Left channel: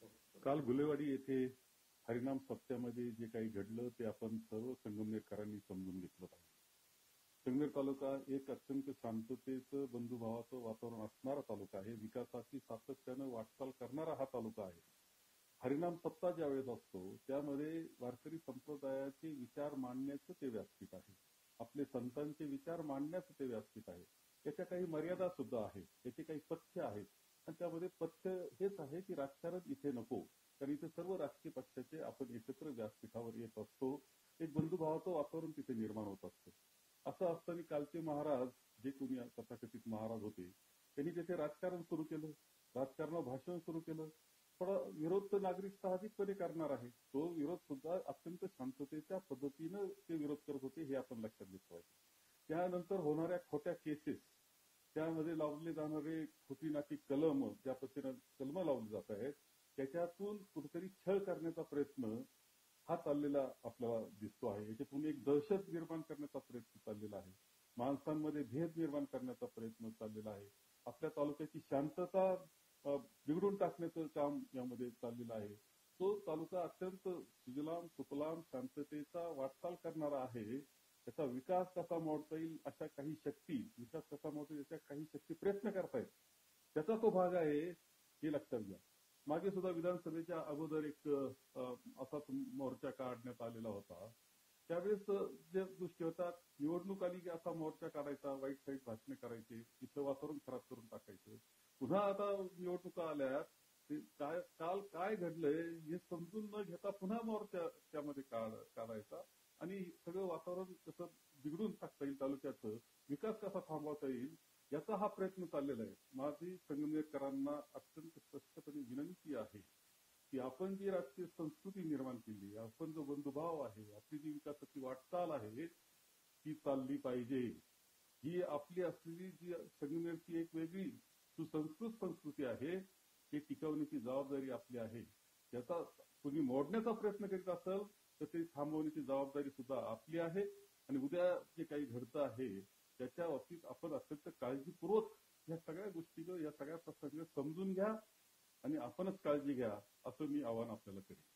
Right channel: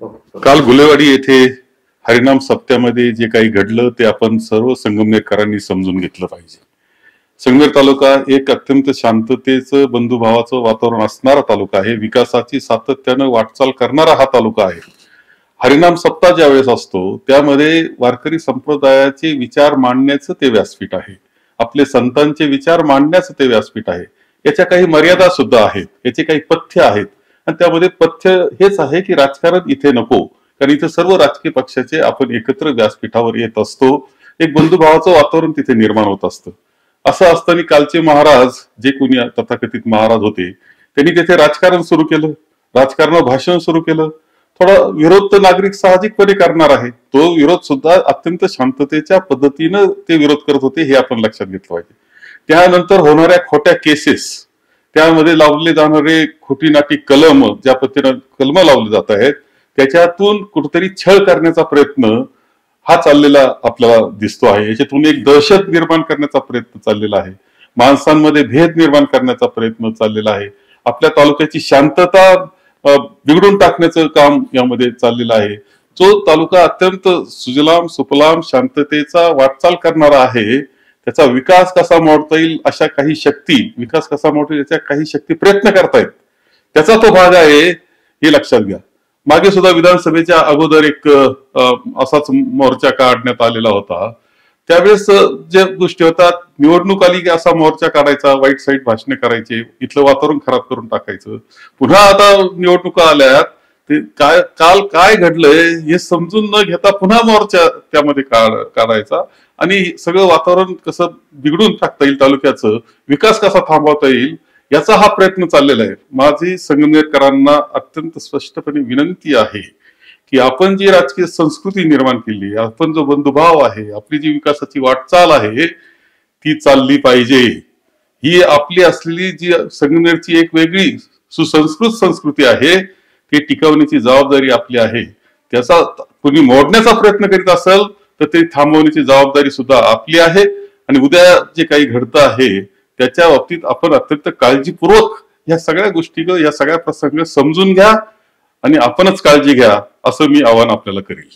काल गुलेवाडी येथे हरिनाम सप्त्यामध्ये जे काही घडलं ते आपण सर्व संगमनेरकरांनी समजून घेतलं पाहिजे. संगमनेर तालुका एक अत्यंत शांततेचं बंधुभावाचं वातावरण असणारा तालुका आहे. विकासाची सातत्यानं वाटचाल करणारा हा तालुका आहे. हरिनाम सप्ताह ज्या वेळेस असतो त्यामध्ये वारकरी संप्रदायाचे विचार मांडण्याचं ते व्यासपीठ आहे. आपले संतांचे विचार मांडण्याचं ते व्यासपीठ आहे. याच्या काही मर्यादा सुद्धा आहेत, याचे काही पथ्य आहेत आणि त्यामध्ये पथ्य हेच आहे की राजकारण इथे नको, कारण इथे सर्व राजकीय पक्षाचे आपण एकत्र व्यासपीठावर येत असतो. एक बंधुभावाचं वातावरण तिथे निर्माण होत असतं. असं असताना कालचे महाराज जे कोणी तथाकथित महाराज होते त्यांनी तिथे राजकारण सुरू केलं, राजकारण भाषण सुरू केलं. थोडा विरोध तर नागरिक साहजिकपणे करणार आहे, तो विरोध सुद्धा अत्यंत शांततेच्या पद्धतीनं ते विरोध करत होते हे आपण लक्षात घेतलं पाहिजे. त्यानंतर होणाऱ्या खोट्या केसेस, त्यामध्ये लावले जाणारे खोटी नाटी कलम, ज्या पद्धतीनं कलम लावले जात आहेत त्याच्यातून कुठेतरी छळ करण्याचा प्रयत्न हा चाललेला आपल्याला दिसतो आहे. याच्यातून एक दहशत निर्माण करण्याचा प्रयत्न चाललेला आहे, माणसांमध्ये भेद निर्माण करण्याचा प्रयत्न चाललेला आहे, आपल्या तालुक्याची शांतता बिघडून टाकण्याचं काम यामध्ये चाललेलं आहे. जो तालुका अत्यंत सुजलाम सुफलाम शांततेचा वाटचाल करणारा आहे, त्याचा विकास कसा मोडता येईल अशा काही शक्ती, विकास कसा मोडता येईल याच्या काही शक्ती प्रयत्न करतायत, त्याचा तो भाग आहे हे लक्षात घ्या. मागे सुद्धा विधानसभेच्या अगोदर एक असाच मोर्चा काढण्यात आलेला होता. त्यावेळेस ज्या गोष्टी होतात, निवडणूक आली की असा मोर्चा काढायचा, वाईट साईट भाषणे करायचे, इथलं वातावरण खराब करून टाकायचं. पुन्हा आता निवडणुका आल्यात, ते काय काल काय घडलंय हे समजून न घेता पुन्हा मोर्चा त्यामध्ये काढायचा आणि सगळं वातावरण कसं बिघडून टाकता येईल, तालुक्याचं विकास कसा थांबवता येईल याचा हा प्रयत्न चाललेला आहे. माझी संगमनेरकरांना अत्यंत स्पष्टपणे विनंती आहे की आपण जी राजकीय संस्कृती निर्माण केली, आपण जो बंधुभाव आहे, आपली जी विकासाची वाटचाल आहे ती चालली पाहिजे. ही आपली असलेली जी संगमनेरची एक वेगळी सुसंस्कृत संस्कृती आहे ती टिकवण्याची जबाबदारी आपली आहे. त्याचा कोणी मोडण्याचा प्रयत्न करीत असेल तर ते थांबवण्याची जबाबदारी सुद्धा आपली आहे. आणि उद्या जे काही घडतं आहे त्याच्या बाबतीत आपण अत्यंत काळजीपूर्वक या सगळ्या गोष्टी, या सगळ्या प्रसंग समजून घ्या आणि आपणच काळजी घ्या, असं मी आवाहन आपल्याला करेल.